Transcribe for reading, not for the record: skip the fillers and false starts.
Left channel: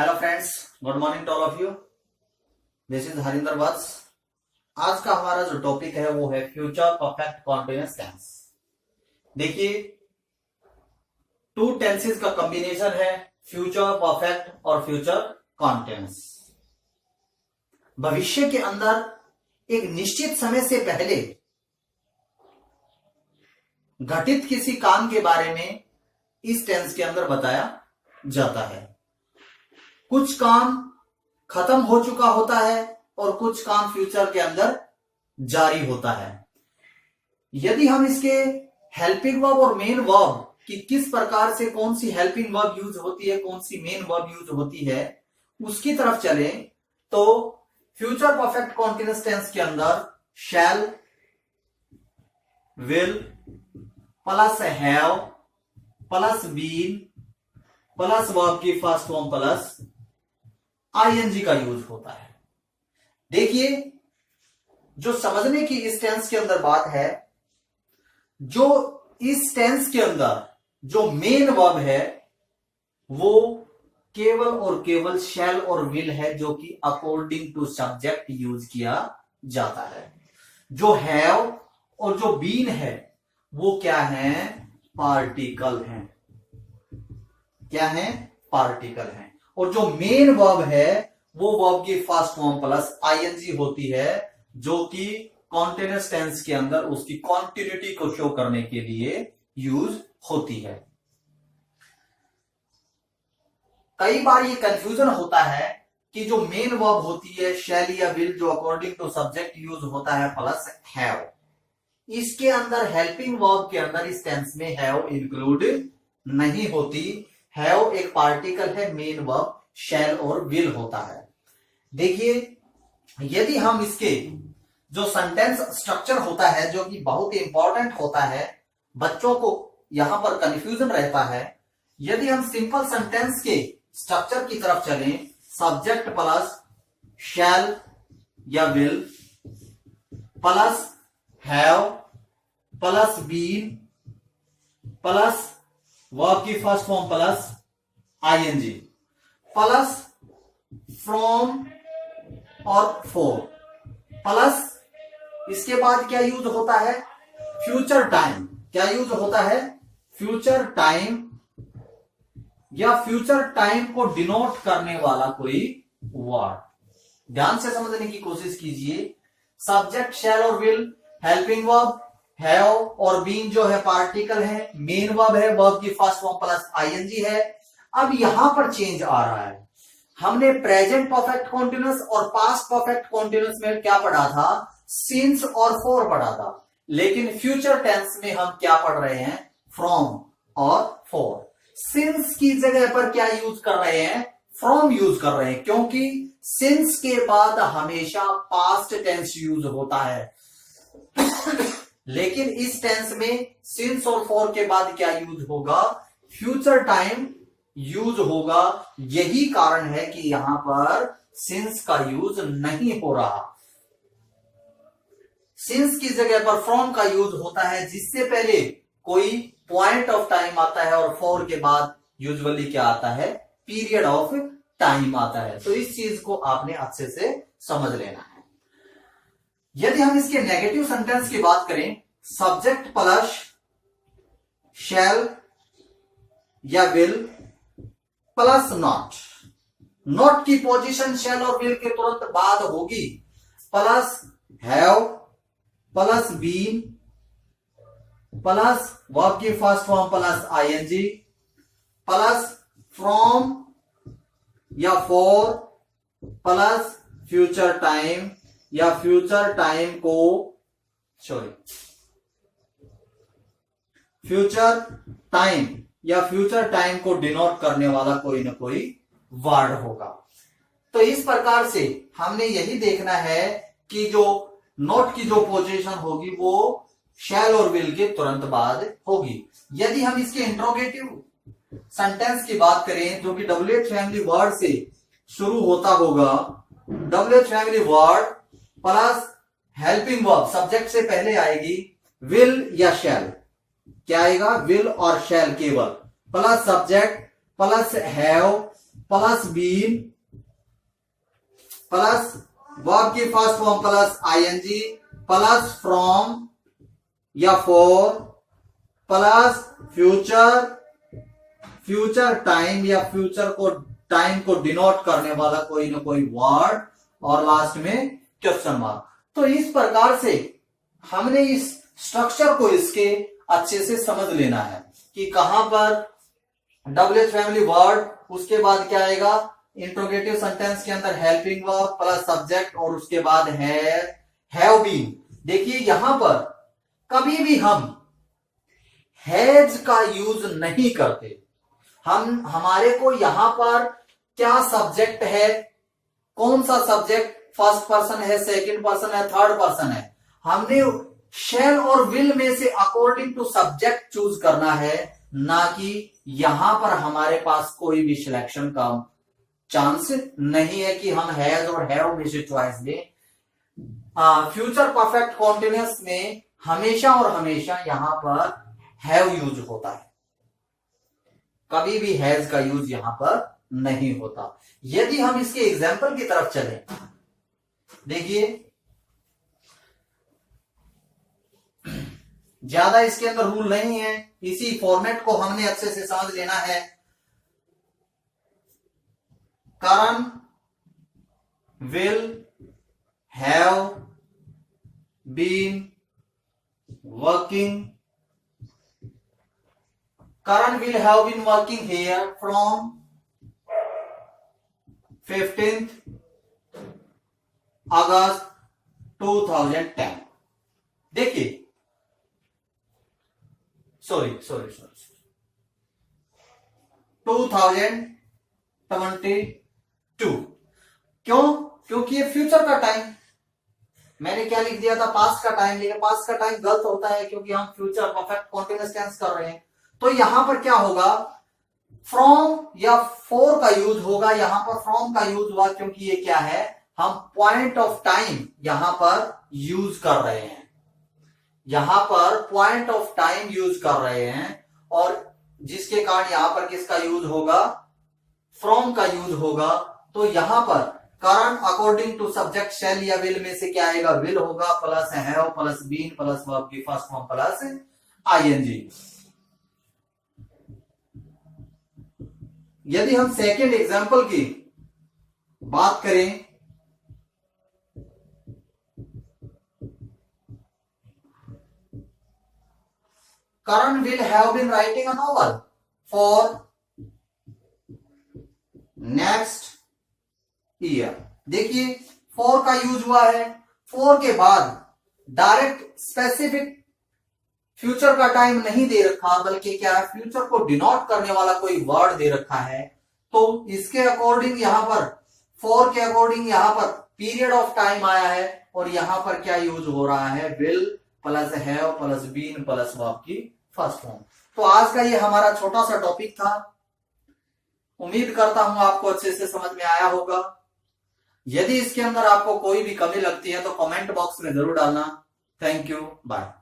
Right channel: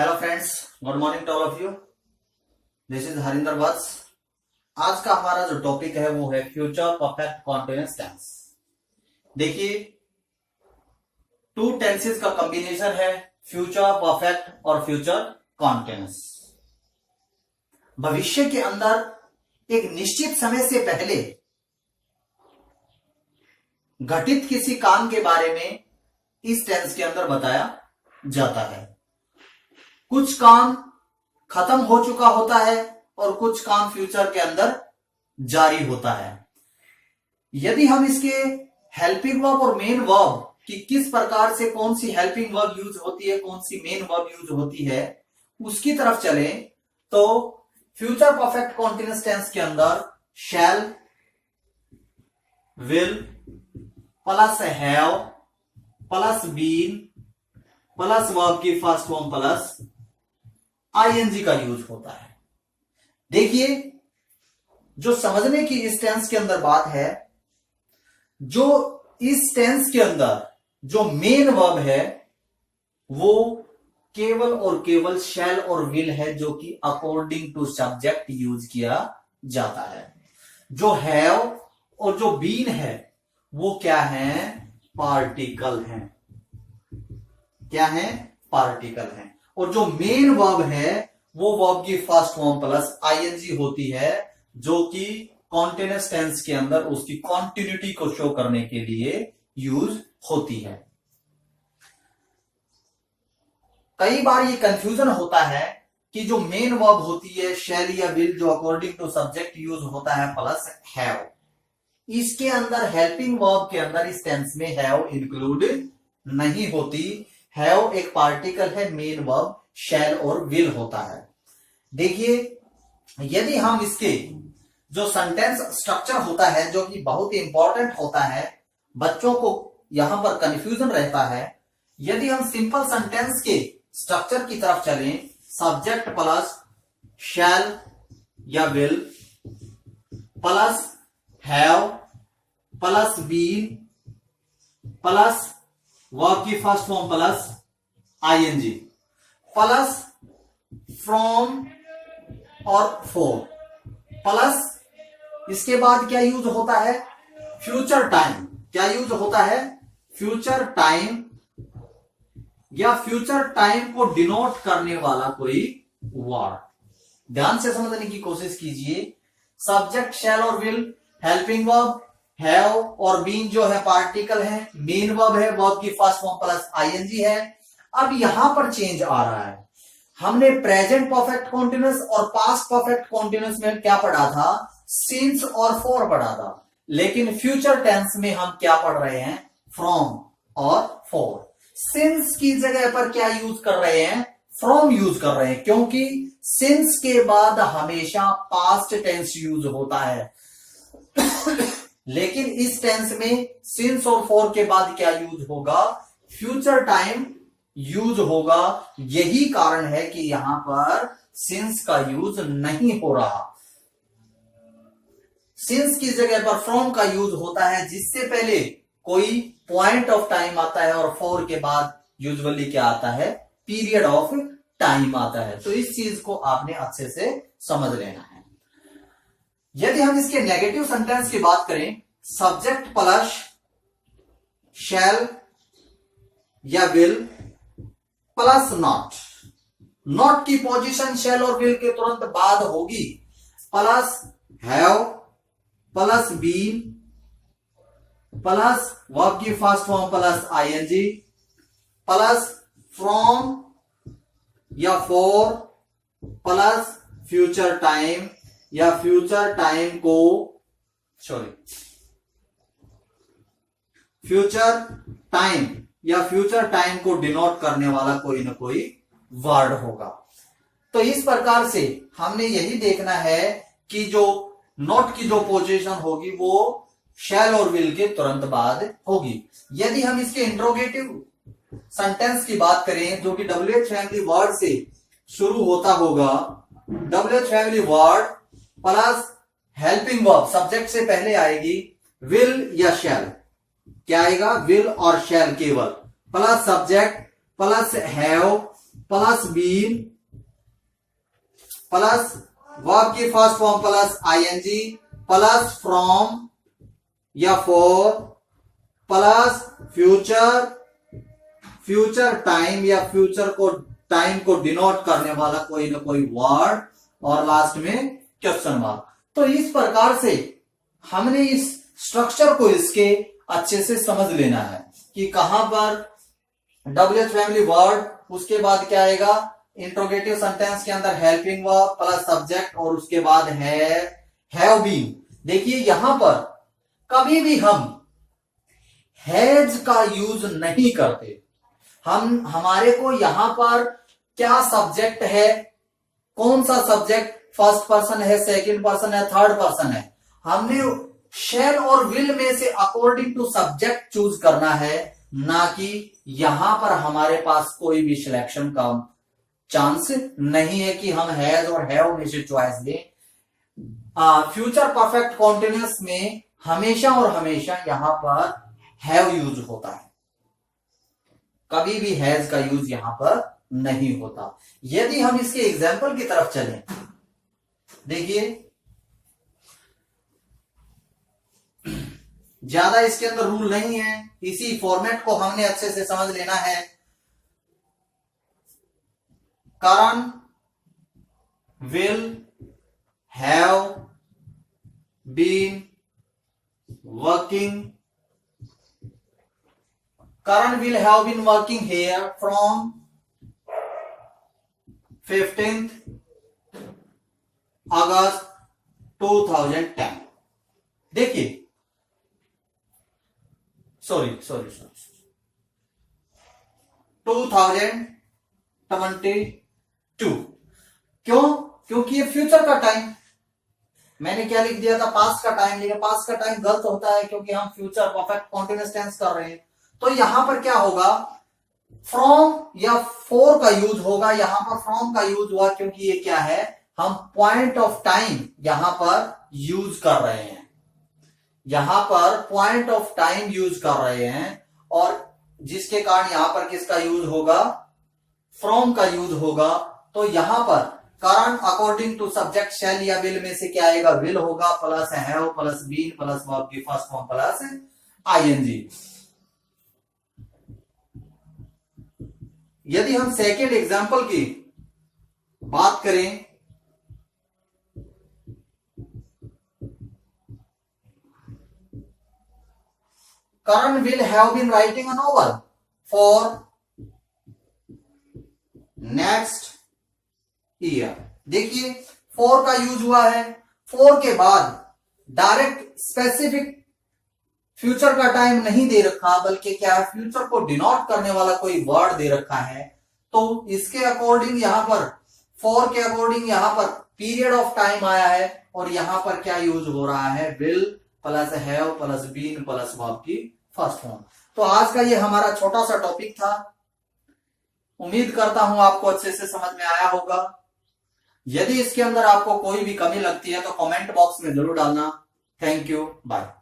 Hello friends, good morning to all of you. This is Harinder Vats. आज का हमारा जो टॉपिक है वो है फ्यूचर परफेक्ट कॉन्टिन्यूअस टेंस। देखिए, टू टेंसेस का कॉम्बिनेशन है फ्यूचर परफेक्ट और फ्यूचर कॉन्टिन्यूअस। भविष्य के अंदर एक निश्चित समय से पहले घटित किसी काम के बारे में इस टेंस के अंदर बताया जाता है। कुछ काम खत्म हो चुका होता है और कुछ काम फ्यूचर के अंदर जारी होता है। यदि हम इसके हेल्पिंग वर्ब और मेन वर्ब कि किस प्रकार से कौन सी हेल्पिंग वर्ब यूज होती है, कौन सी मेन वर्ब यूज होती है, उसकी तरफ चलें तो फ्यूचर परफेक्ट कॉन्टिन्यूअस टेंस के अंदर shall, will plus have plus been plus verb की फर्स्ट फॉर्म प्लस आईएनजी का यूज होता है। देखिए, जो समझने की इस टेंस के अंदर बात है, जो इस टेंस के अंदर जो मेन वर्ब है वो केवल और केवल शैल और विल है, जो कि अकॉर्डिंग टू सब्जेक्ट यूज किया जाता है। जो हैव और जो बीन है वो क्या है? पार्टिकल हैं। क्या है? पार्टिकल हैं। और जो मेन वर्ब है वो वर्ब की फर्स्ट फॉर्म प्लस आईएनजी होती है, जो कि कॉन्टिन्यूअस टेंस के अंदर उसकी कॉन्टिन्यूटी को शो करने के लिए यूज होती है। कई बार ये कंफ्यूजन होता है कि जो मेन वर्ब होती है शैल या विल, जो अकॉर्डिंग टू सब्जेक्ट यूज होता है प्लस हैव, इसके अंदर हेल्पिंग वर्ब के अंदर इस टेंस में हैव इंक्लूड नहीं होती। हैव एक पार्टिकल है, मेन वर्ब शैल और विल होता है। देखिए, यदि हम इसके जो सेंटेंस स्ट्रक्चर होता है, जो कि बहुत ही इंपॉर्टेंट होता है, बच्चों को यहां पर कंफ्यूजन रहता है। यदि हम सिंपल सेंटेंस के स्ट्रक्चर की तरफ चलें, सब्जेक्ट प्लस शैल या will plus have plus been plus verb की first form plus ING plus from और फॉर प्लस इसके बाद क्या यूज होता है? Future time. क्या यूज होता है? फ्यूचर टाइम या फ्यूचर टाइम को डिनोट करने वाला कोई वर्ड। ध्यान से समझने की कोशिश कीजिए। सब्जेक्ट शैल और विल, हेल्पिंग वर्ब हैव और बीन जो है पार्टिकल है, मेन वर्ब है, वर्ब की फर्स्ट फॉर्म प्लस आईएनजी है। अब यहां पर चेंज आ रहा है। हमने प्रेजेंट परफेक्ट कॉन्टिन्यूअस और पास्ट परफेक्ट कॉन्टिन्यूअस में क्या पढ़ा था? सिंस और फॉर पढ़ा था। लेकिन फ्यूचर टेंस में हम क्या पढ़ रहे हैं? फ्रॉम और फॉर। सिंस की जगह पर क्या यूज कर रहे हैं? फ्रॉम यूज कर रहे हैं, क्योंकि सिंस के बाद हमेशा पास्ट टेंस यूज होता है। लेकिन इस टेंस में सिंस और फॉर के बाद क्या यूज होगा? फ्यूचर टाइम यूज होगा। यही कारण है कि यहां पर सिंस का यूज नहीं हो रहा। सिंस की जगह पर फ्रॉम का यूज होता है, जिससे पहले कोई पॉइंट ऑफ टाइम आता है और फॉर के बाद यूजुअली क्या आता है? पीरियड ऑफ टाइम आता है। तो इस चीज को आपने अच्छे से समझ लेना है। यदि हम इसके नेगेटिव सेंटेंस की बात करें, सब्जेक्ट प्लस शैल या विल प्लस नॉट, नॉट की पोजीशन शैल और विल के तुरंत बाद होगी, plus have plus been plus verb की first form plus ING plus from या फॉर प्लस फ्यूचर टाइम या फ्यूचर टाइम को फ्यूचर टाइम या फ्यूचर टाइम को डिनोट करने वाला कोई ना कोई वर्ड होगा। तो इस प्रकार से हमने यही देखना है कि जो नॉट की जो पोजीशन होगी वो शैल और विल के तुरंत बाद होगी। यदि हम इसके इंट्रोगेटिव सेंटेंस की बात करें, जो कि WH फैमिली वर्ड से शुरू होता होगा, WH family word plus helping verb subject से पहले आएगी, विल या शैल, क्या आएगा? विल और शैल केवल, plus subject plus have plus been plus verb की first form plus ING plus from या for plus future, future time या फ्यूचर को टाइम को डिनोट करने वाला कोई ना कोई वर्ड और लास्ट में क्वेश्चन मार्क। तो इस प्रकार से हमने इस स्ट्रक्चर को इसके अच्छे से समझ लेना है कि कहां पर WH फैमिली वर्ड, उसके बाद क्या आएगा इंट्रोगेटिव सेंटेंस के अंदर हेल्पिंग वर्ब प्लस सब्जेक्ट और उसके बाद हैव बीन। देखिए यहां पर कभी भी हम हैज का यूज नहीं करते। हमारे को यहां पर क्या सब्जेक्ट है, कौन सा सब्जेक्ट, फर्स्ट पर्सन है, सेकंड पर्सन है, थर्ड पर्सन है, हमने शैल और विल में से अकॉर्डिंग टू सब्जेक्ट चूज करना है, ना कि यहां पर हमारे पास कोई भी सिलेक्शन का चांस नहीं है कि हम हैज और हैव में से चॉइस दें। फ्यूचर परफेक्ट कॉन्टिन्यूअस में हमेशा और हमेशा यहां पर हैव यूज होता है, कभी भी हैज का यूज यहां पर नहीं होता। यदि हम इसके एग्जाम्पल की तरफ चलें, देखिए ज्यादा इसके अंदर रूल नहीं है, इसी फॉर्मेट को हमने अच्छे से समझ लेना है। Karan will have been working, Karan will have been working here from 15th August 2010। देखिए सॉरी 2022। क्यों? क्योंकि ये फ्यूचर का टाइम, मैंने क्या लिख दिया था पास्ट का टाइम, लेकिन पास्ट का टाइम गलत होता है क्योंकि हम फ्यूचर परफेक्ट कॉन्टिन्यूअस टेंस कर रहे हैं। तो यहां पर क्या होगा, फ्रॉम या फॉर का यूज होगा। यहां पर फ्रॉम का यूज हुआ क्योंकि ये क्या है, हम पॉइंट ऑफ टाइम यहां पर यूज कर रहे हैं, यहां पर पॉइंट ऑफ टाइम यूज कर रहे हैं, और जिसके कारण यहां पर किसका यूज होगा, फ्रॉम का यूज होगा। तो यहां पर कारण अकॉर्डिंग टू सब्जेक्ट शैल या विल में से क्या आएगा, विल होगा plus have plus been plus verb की फर्स्ट फॉर्म प्लस आईएनजी। यदि हम सेकेंड एग्जाम्पल की बात करें, Karan will have been writing a novel for next year। देखिए for का यूज हुआ है, for के बाद डायरेक्ट स्पेसिफिक फ्यूचर का टाइम नहीं दे रखा, बल्कि क्या है, फ्यूचर को डिनोट करने वाला कोई वर्ड दे रखा है। तो इसके अकॉर्डिंग यहां पर फॉर के अकॉर्डिंग यहां पर पीरियड ऑफ टाइम आया है, और यहां पर क्या यूज हो रहा है, will plus have plus been plus verb की फर्स्ट फॉर्म। तो आज का ये हमारा छोटा सा टॉपिक था, उम्मीद करता हूं आपको अच्छे से समझ में आया होगा। यदि इसके अंदर आपको कोई भी कमी लगती है तो कमेंट बॉक्स में जरूर डालना। Thank you, bye.